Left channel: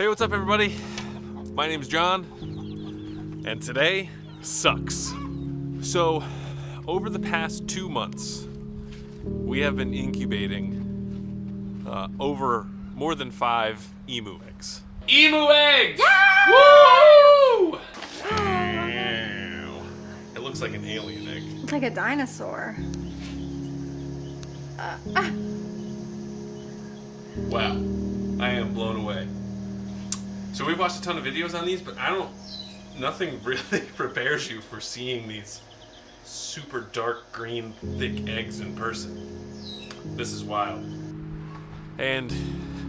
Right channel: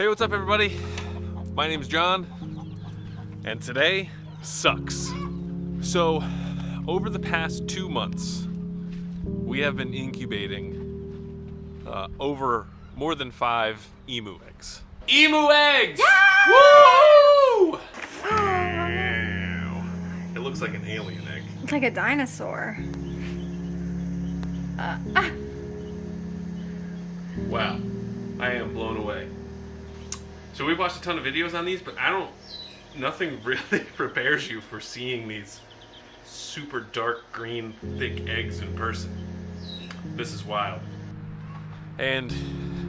Hey, what's up everybody? My name's John, and today sucks. So, over the past 2 months, we have been incubating over more than 5 emu eggs. Emu eggs! Yeah! Woo! It looks like an alien egg. It's like a dinosaur. Wow, I am blown away. So we've watched a ton of videos on these, but nothing really prepares you for seeing these super dark green, thick eggs in person. This is wild. And,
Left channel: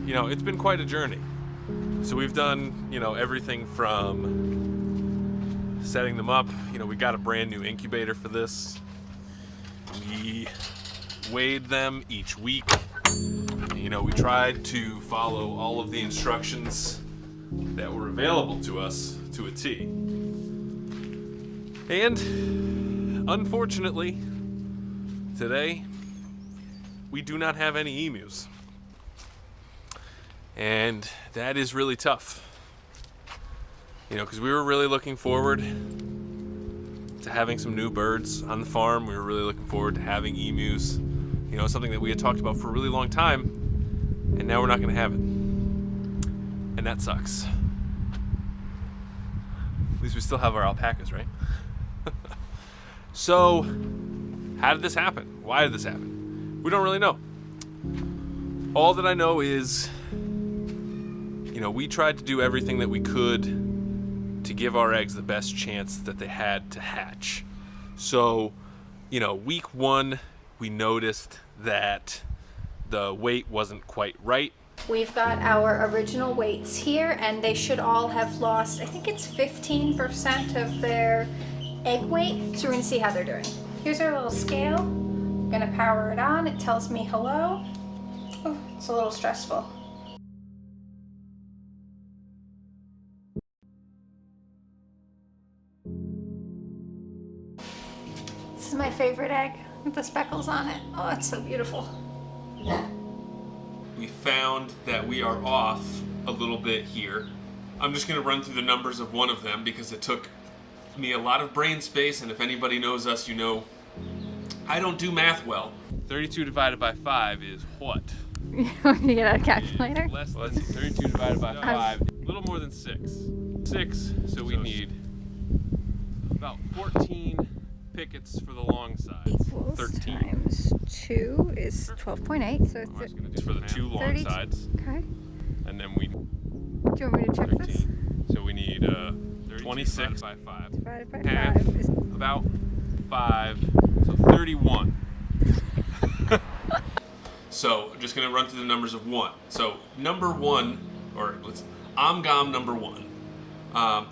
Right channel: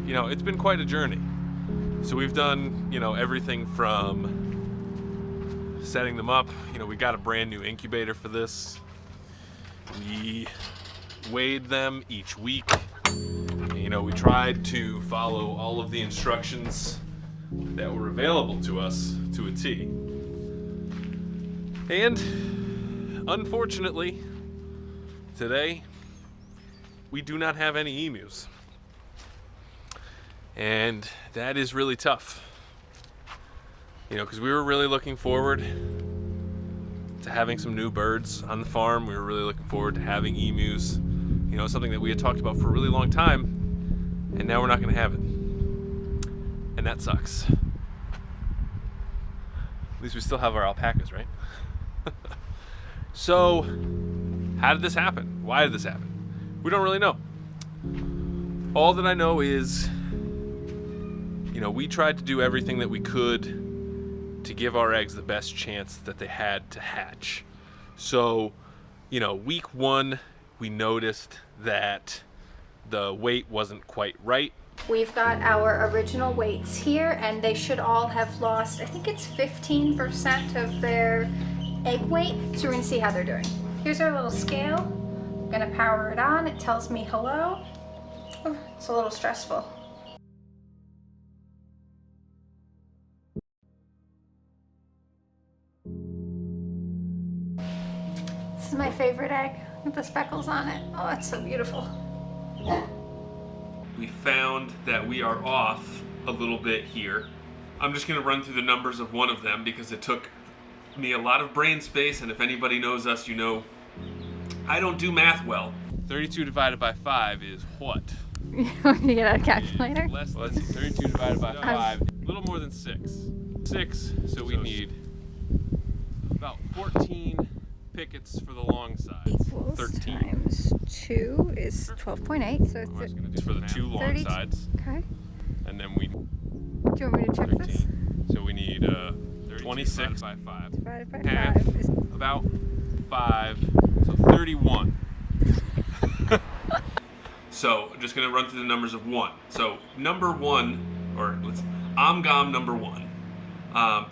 it's been quite a journey. So we've done, everything from setting them up. We got a brand new incubator for this. We weighed them each week. We tried to follow all of the instructions that were available to us to a T. And unfortunately, today, we do not have any emus. And that is really tough. Because we were really looking forward to having some new birds on the farm. We were really looking forward to having emus. Something that we had talked about for a really long time. And now we're not going to have it. And that sucks. At least we still have our alpacas, right? So, how did this happen? Why did this happen? We don't really know. All that I know is, we tried to do everything that we could to give our eggs the best chance that they had to hatch. So, week 1, we noticed that the weight wasn't quite right. We've got our original weights here, and they should all have lost, I think it's 15% of their egg weight. So we're gonna see how they're doing. Here's our little scale. I'm gonna power it on. It tells me hello. Oh, it's a little stressful. This is my favorite egg with the speckles on it. Oh, it's so beautiful. We found that we are off a little bit here. I'm just gonna run through the numbers of one of them because it took me a lot of brain space, and if anybody knows us, I don't do math well. 32 divided by 5 is what? You want to get out a calculator? Let's see, 32 divided by 5, a little more than 6. 6, so we need about 14 pickets for the long sides. Equals 13 times 2 is 12.8. So I'm just gonna do for the 2 long 32. sides. Okay. And then we Do you want me to check 13. this? So we need 26 by 5. Divided by Half, 5 is about 5, so 31. So just gonna run through the numbers of 1. So number 1, Amgam number 1.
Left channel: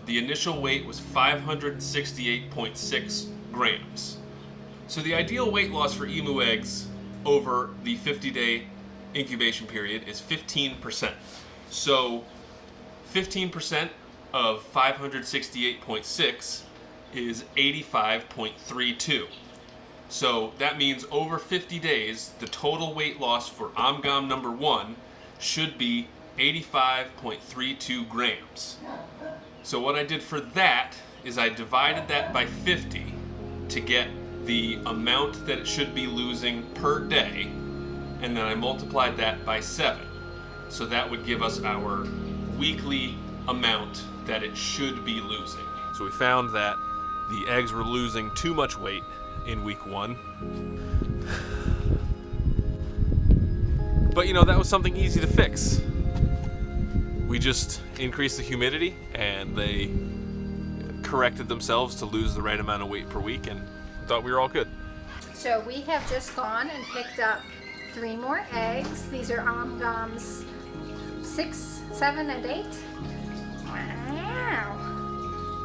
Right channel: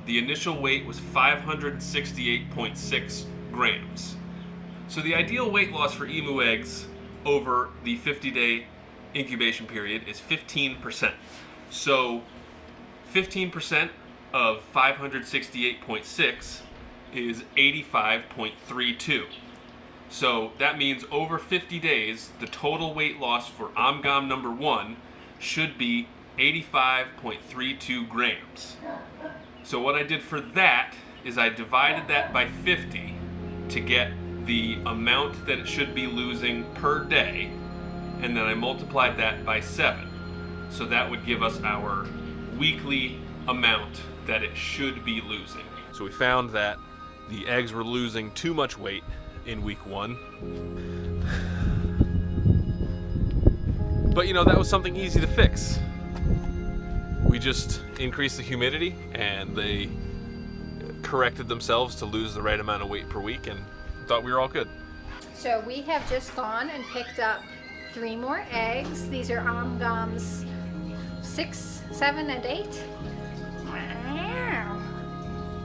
The initial weight was 568.6 grams. So the ideal weight loss for emu eggs over the 50-day incubation period is 15%. So 15% of 568.6 is 85.32. So that means over 50 days, the total weight loss for Amgam number 1 should be 85.32 grams. So what I did for that is I divided that by 50 to get the amount that it should be losing per day, and then I multiplied that by 7. So that would give us our weekly amount that it should be losing. So we found that the eggs were losing too much weight in week 1. But that was something easy to fix. We just increased the humidity and they corrected themselves to lose the right amount of weight per week, and thought we were all good. So we have just gone and picked up 3 more eggs. These are Amgams 6, 7, and 8. Wow.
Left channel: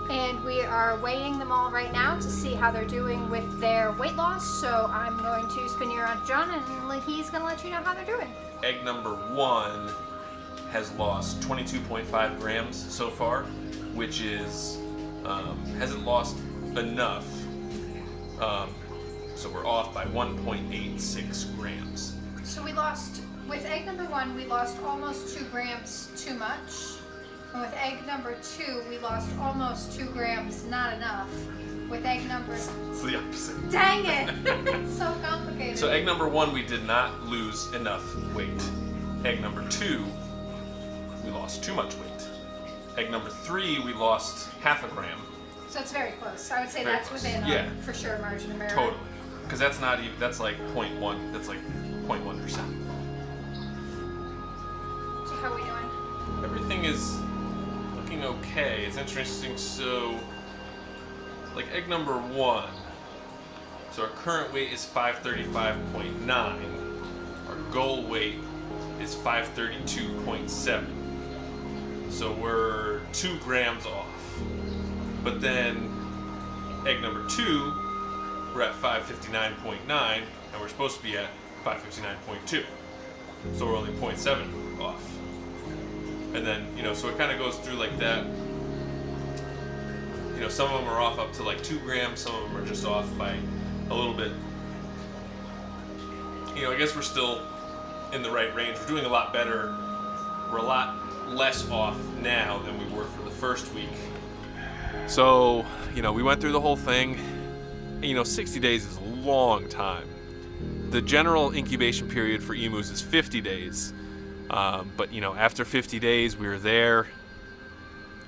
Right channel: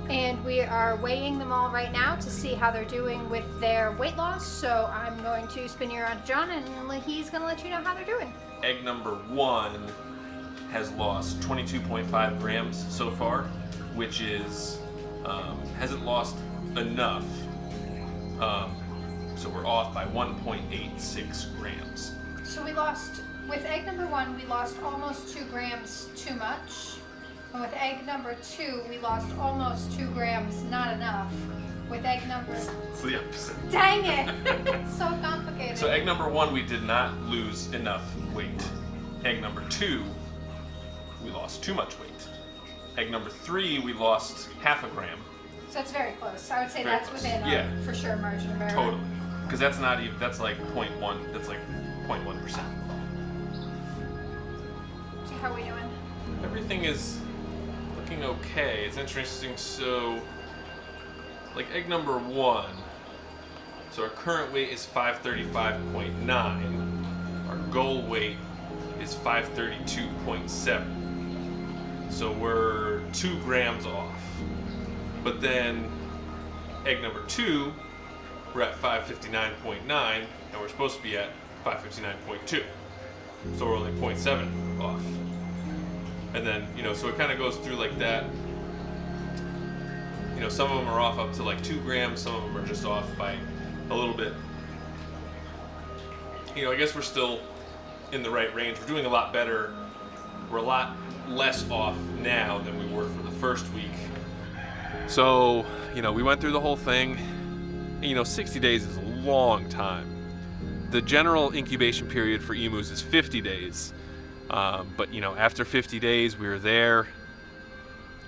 And we are weighing them all right now to see how they're doing with their weight loss. So I'm going to spin you around to John, and he's going to let you know how they're doing. Egg number 1 has lost 22.5 grams so far, which is hasn't lost enough. So we're off by 1.86 grams. So we lost, with egg number 1, we lost almost 2 grams too much. And with egg number 2, we lost almost 2 grams, not enough. With egg number... It's the opposite. Dang it! It's so complicated. So egg number 1, we did not lose enough weight. Egg number 2, we lost too much weight. Egg number 3, we lost half a gram. So it's very close. I would say Very that's close. within Yeah. for sure margin of error. Totally. Because that's not even, that's like 0.1, that's like 0.1%. So how are we doing? Everything is looking okay. It's interesting. So, like egg number 1, so our current weight is 535.9. Our goal weight is 532.7. So we're 2 grams off. But then egg number 2, we're at 559.9, and we're supposed to be at 559.2. So we're only 0.7 off. And then, so it kind of goes through like that. Some of them are off up to like 2 grams, some of them are just off by a little bit. I guess we're still in the right range. We're doing a lot better. We're a lot less off now than we were for the first week. So, we went through the whole thing. 60 days is a long time. The general incubation period for emus is 50 days. But, after 50 days, we were there.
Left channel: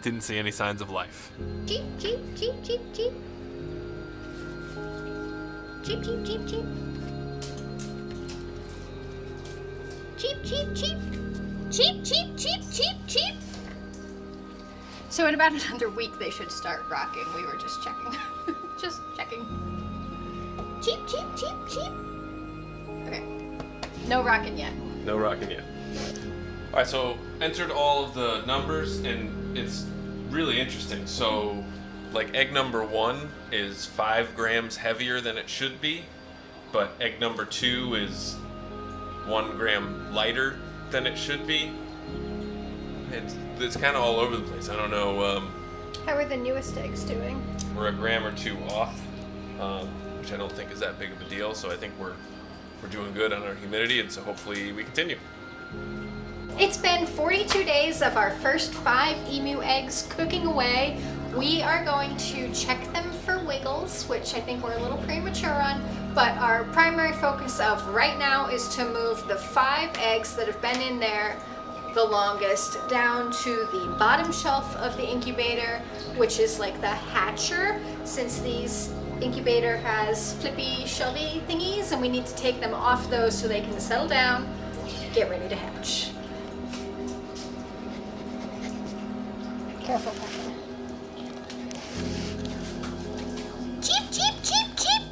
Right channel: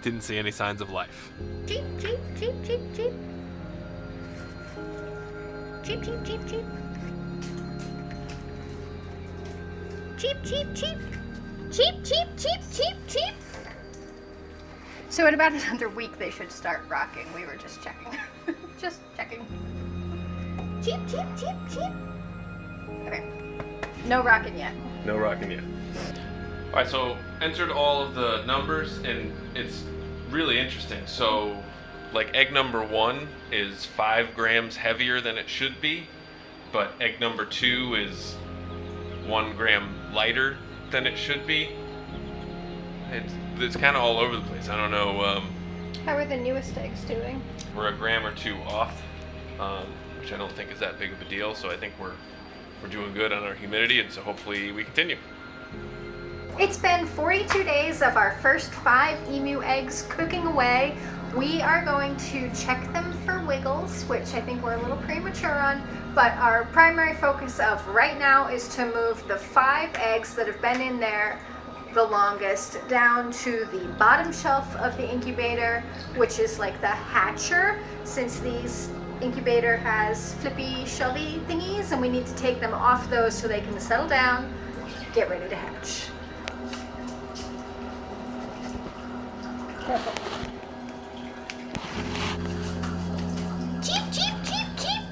Didn't see any signs of life. Cheep, cheep, cheep, cheep, cheep. Cheep, cheep, cheep, cheep. Cheep, cheep, cheep. Cheep, cheep, cheep, cheep, cheep. So in about another week, they should start rocking. We were just checking. Just checking. Cheep, cheep, cheep, cheep. Okay. No rocking yet. No rocking yet. All right, so entered all of the numbers, and it's really interesting. So, like egg number 1 is 5 grams heavier than it should be, but egg number 2 is 1 gram lighter than it should be. It's kind of all over the place. I don't know. How are the newest eggs doing? We're a gram or 2 off, which I don't think is that big of a deal. So I think we're doing good on our humidity, and so hopefully we continue. It's been 42 days of our first 5 emu eggs cooking away. We are going to check them for wiggles, which I think we're a little premature on, but our primary focus of right now is to move the 5 eggs that have been in there the longest down to the bottom shelf of the incubator, which is like the hatcher, since these incubator has flippy shelvy thingies, and we need to take them off those so they can settle down, get ready to hatch. Careful. Cheep, cheep, cheep, cheep.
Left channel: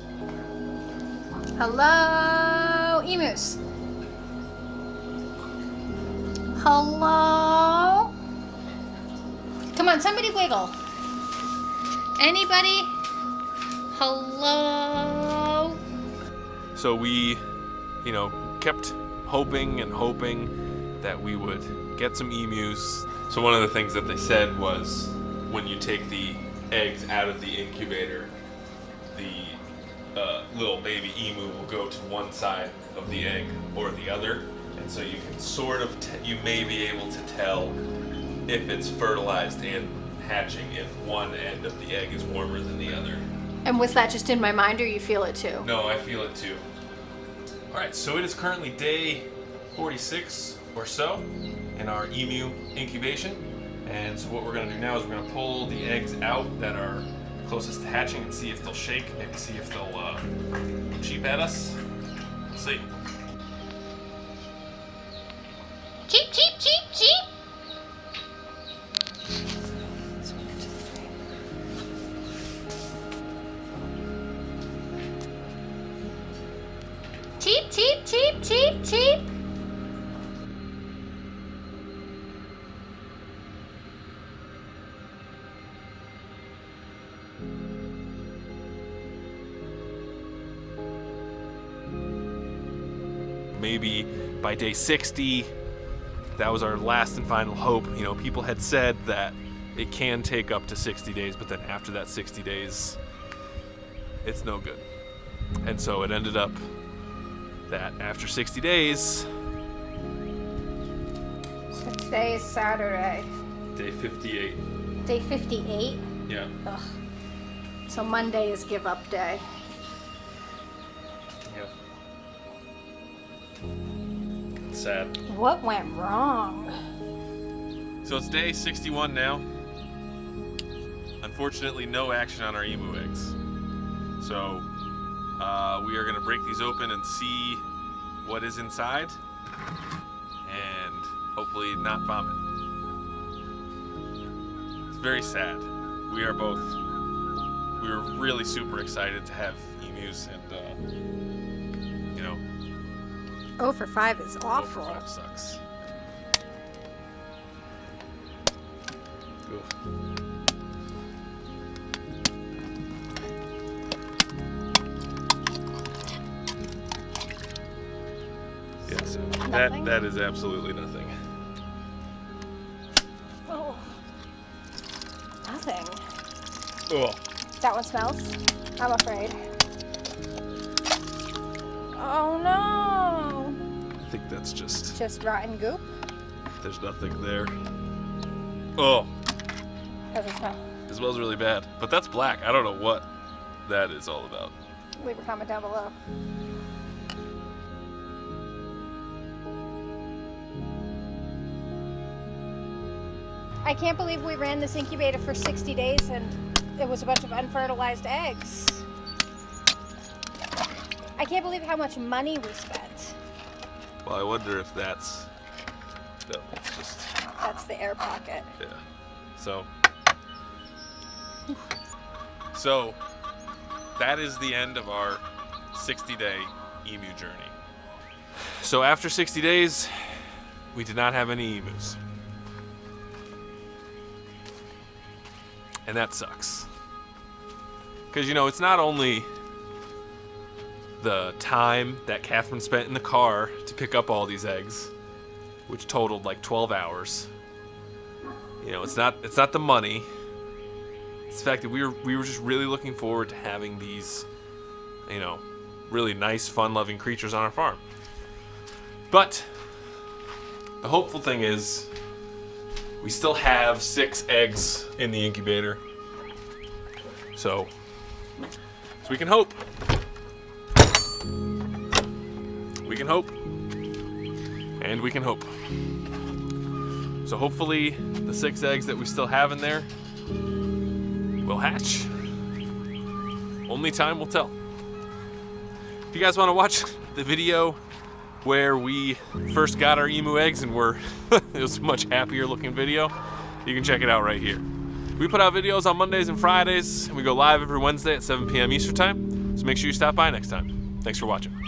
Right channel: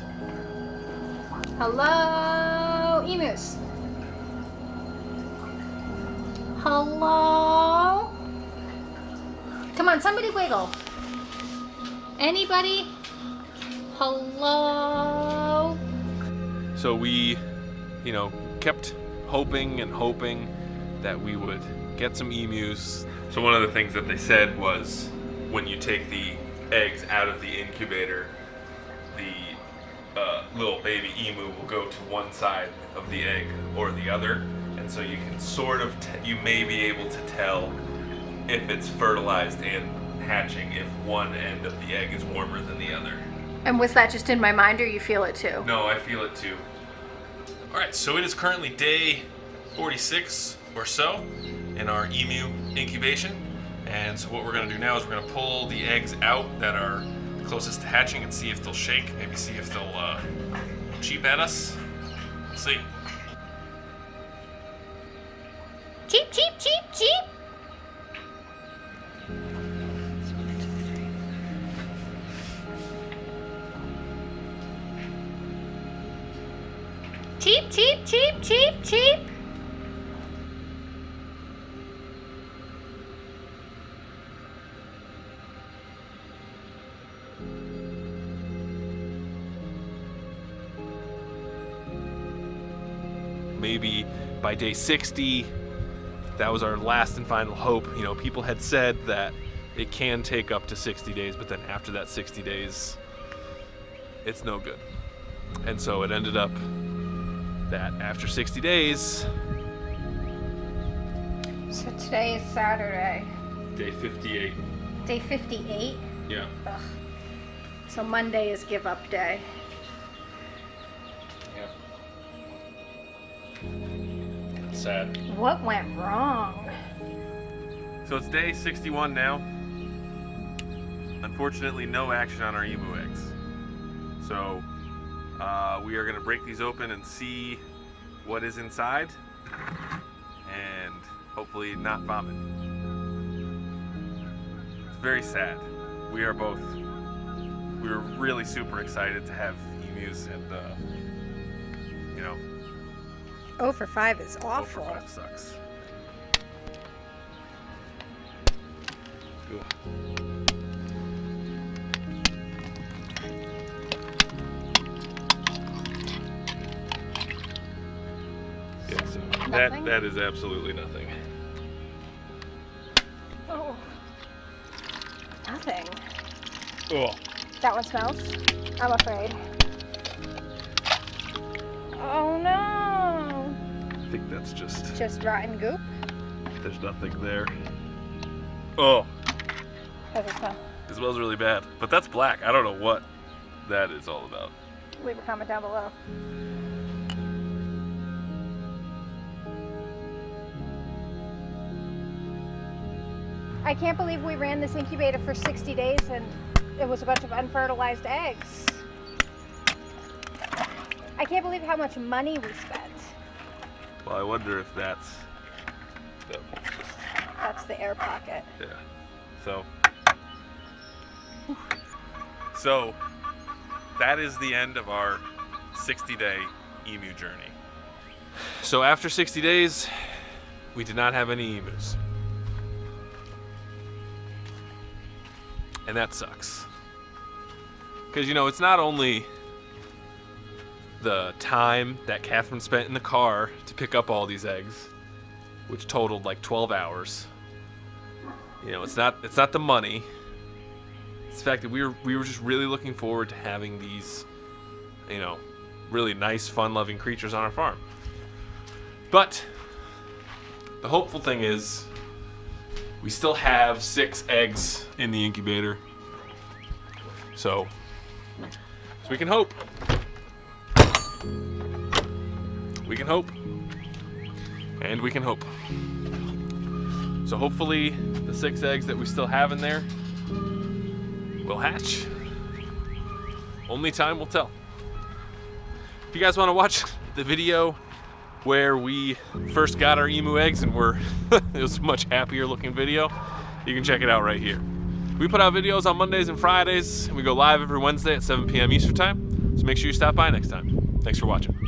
Hello, emus. Hello? Come on, somebody wiggle. Anybody? Hello? So we, kept hoping and hoping that we would get some emus. So one of the things that they said was when you take the eggs out of the incubator, the little baby emu will go to one side of the egg or the other. And so you can sort of, you may be able to tell if it's fertilized and hatching if one end of the egg is warmer than the other. And was that just in my mind, or you feel it too? No, I feel it too. All right, so it is currently day 46 or so in our emu incubation. And so what we're gonna do now is we're gonna pull the eggs out that are closest to hatching and see if they'll shake, maybe see if they'll cheep at us. Let's see. Cheep, cheep, cheep, cheep. Cheep, cheep, cheep, cheep, cheep. Maybe by day 60, that was our last and final hope. People had said that it can take up to 60 days, but then after that 60 days, it's no good. And so it ended up that after 60 days... So today is Saturday. Day 58. Day 58? Yeah. Ugh. So Monday is give up day. Yep. Sad. What went wrong? So it's day 61 now. Unfortunately, no action on our emu eggs. So we are going to break these open and see what is inside, and hopefully not vomit. It's very sad. We were really super excited to have emus, and 0 for 5 is awful. 0 for 5 sucks. Ugh. Yeah, so that is absolutely nothing. Oh. Nothing. Oh. That one smells? I'm afraid. Oh no! I think that's just rotten goop? there's nothing there. Oh. How does it smell? It smells really bad. But that's black. I don't know what that is all about. Leave a comment down below. I can't believe we ran this incubator for 60 days and it was a bunch of unfertilized eggs. I can't believe how much money we spent. Well, I wonder if that's... No, it's just... That's the air pocket. Yeah. So that is the end of our 60-day emu journey. So after 60 days, we did not have any emus. And that sucks. Because, it's not only the time that Catherine spent in the car to pick up all these eggs, which totaled like 12 hours. It's not the money. It's the fact that we were just really looking forward to having these, really nice, fun-loving creatures on our farm. But the hopeful thing is we still have 6 eggs in the incubator. So we can hope. We can hope. And we can hope. So hopefully the 6 eggs that we still have in there will hatch. Only time will tell. If you guys want to watch the video where we first got our emu eggs and it was a much happier looking video, you can check it out right here. We put out videos on Mondays and Fridays, and we go live every Wednesday at 7 p.m. Eastern time, so make sure you stop by next time. Thanks for watching.